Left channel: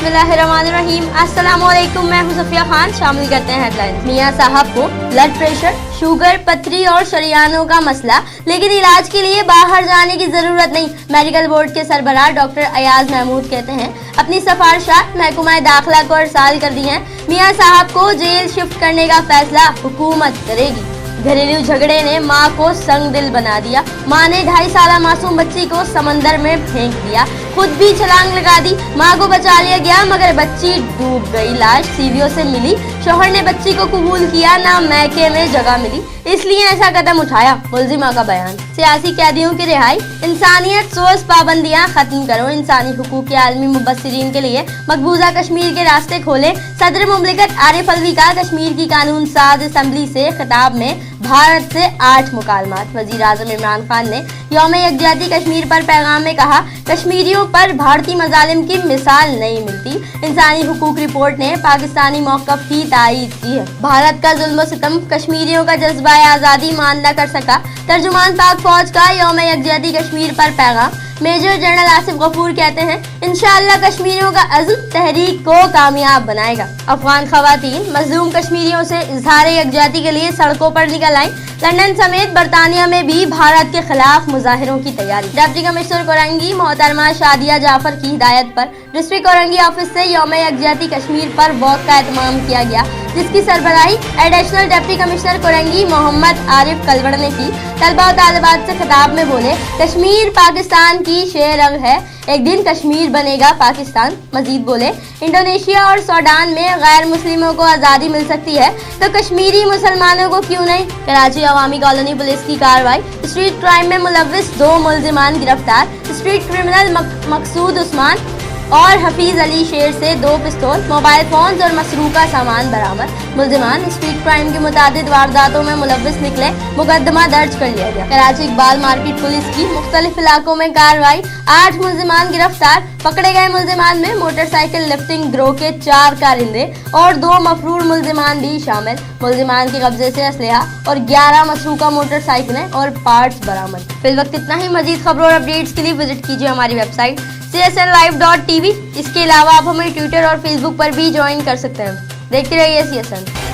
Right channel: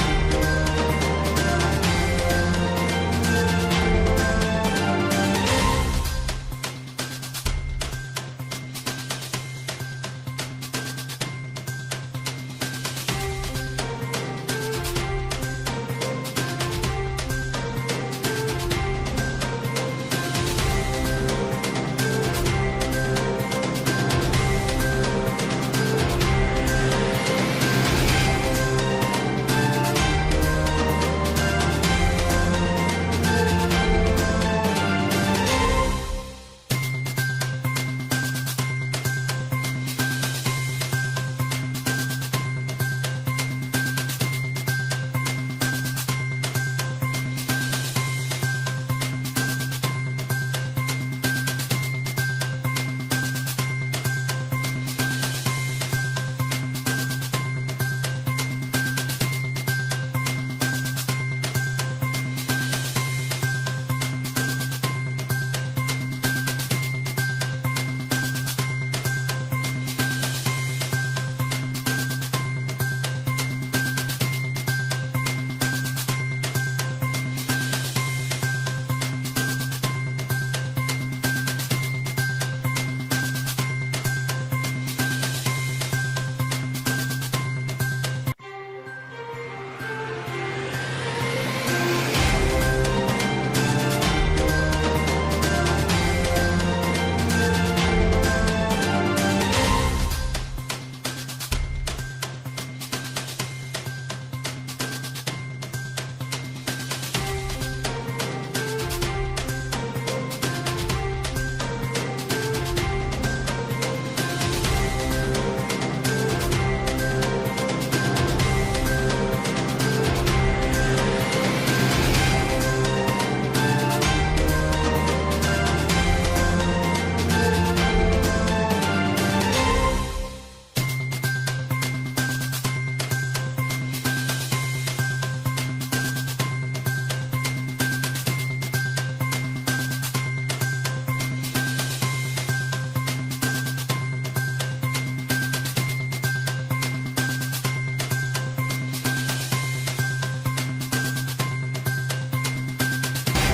बिस्मिल्लाहिर्रहमानिर्रहीम। अस्सलाम वालेकुम, मैं हूं सफिया खान। शामिल करते हैं हेडलाइंस। मियां साहब को ब्लड प्रेशर, शुगर, पथरी और शरियानों का मसला, लेकिन इलाज के लिए बाहर जाने की जरूरत नहीं। मेडिकल बोर्ड के सरबराह डॉक्टर अयाज महमूद कहते हैं अपनी सिफारिशात महकमा दाखिला को अरसाल कर दी हैं। मियां साहब को जेल शिफ्ट करने का फैसला हुकूमत करेगी। घरेलू झगड़े ने माँ को संग दिल बना दिया। माँ ने 2.5 साल मासूम बच्ची को समंदर में फेंक दिया, खुद भी छलांग लगा दी। माँ को बचा लिया गया मगर बच्ची डूब गई। लाश सीवियों से मिली, शौहर ने बच्ची को कबूल किया, ना मैके में जगह मिली, इसलिए ऐसा कदम उठाया। मुल्जिमा का बयान। सियासी कैदियों की रिहाई, इंसानियत सोच पाबंदियां खत्म करो, इंसानी हुकूक के आलमी मुबस्सिरीन के लिए मकबूजा कश्मीर के रास्ते खोले। सदर मुमलिकत आरिफ अलवी का कश्मीर की कानून साज असम्बली से खिताब में भारत से 8 मुकालमात। वजीर आजम इमरान खान ने यौम यकजहती कश्मीर पर पैगाम में कहा, कश्मीरियों पर भारतीय मजालिम की मिसाल नहीं मिलती। इंसानी हुकूक रिपोर्ट ने पाकिस्तानी मौक़िफ़ की तायीद की है। भारत का जुल्म सितम कश्मीरियों का जज्बा आज़ादी मान न कर सका। तर्जुमान पाक फौज का यौम यकजहती कश्मीर पर पैगाम। मेजर जनरल आसिफ गफूर कहते हैं इंशाअल्लाह कश्मीरियों का अज़्म तहरीक को कामयाब बनाएगा। अफगान खवातीन मजलूम कश्मीरियों से इजहार यकजहती के लिए सड़कों पर निकल आईं। लंदन समेत बरतानिया में भी भारत के खिलाफ मुजाहिरों की तैयारी। डिप्टी कमिश्नर कोरंगी मोहतरमा शादिया जाफर की हिदायत पर डिस्ट्रिक्ट कोरंगी ऑफिस से यौम यकजहती कश्मीर पर वॉक का एहतमाम किया गया, जिसकी सरबराही additional deputy commissioner Korangi Mohammad Arif Kalwar ने की। तलबा और तालिबात से खिताब में बोले, कश्मीर पाकिस्तान की शेरंग है, एक दिन कश्मीर बनेगा पाकिस्तान। मजीद बोले, इंडोनेशिया और सूडान में गैर मुस्लिमों को आज़ादी मिल सकती है तो कश्मीरी मुसलमानों को क्यों नहीं। कराची अवामी कॉलोनी पुलिस की कार्रवाई। स्ट्रीट क्राइम में मुलव्विस 2 मुल्जिमान गिरफ्तार। स्ट्रीट क्रिमिनल मकसूद उस्मान और हफीज अली शेर से 2 पिस्तौल, मोबाइल फोन और मसरूका सामान बरामद। मुल्जिमान स्ट्रीट क्राइम की मुतादिद वारदातों में मुलव्विस निकले, मुकदमा दर्ज कर लिया गया। कराची इकबाल मार्केट पुलिस की मुख्तलिफ इलाकों में कार्रवाई। 8 मुल्जिमान गिरफ्तार। पकड़े गए मुल्जिमान में मोटरसाइकिल लिफ्टिंग गिरोह के 4 कारिंदे और 2 मफरूर मुल्जिमान भी शामिल। मुल्जिमान के कब्जे से असलहा और 11 मसरूका मोटरसाइकिलें और पार्ट्स बरामद। फिल वक्त इतना ही। मजीद खबरों और अपडेट्स के लिए विजिट कीजिए हमारी वेबसाइट csnlive.tv। इसके अलावा आप हमें ट्विटर और फेसबुक पर भी ज्वाइन कर सकते हैं। देखते रहिए CSN।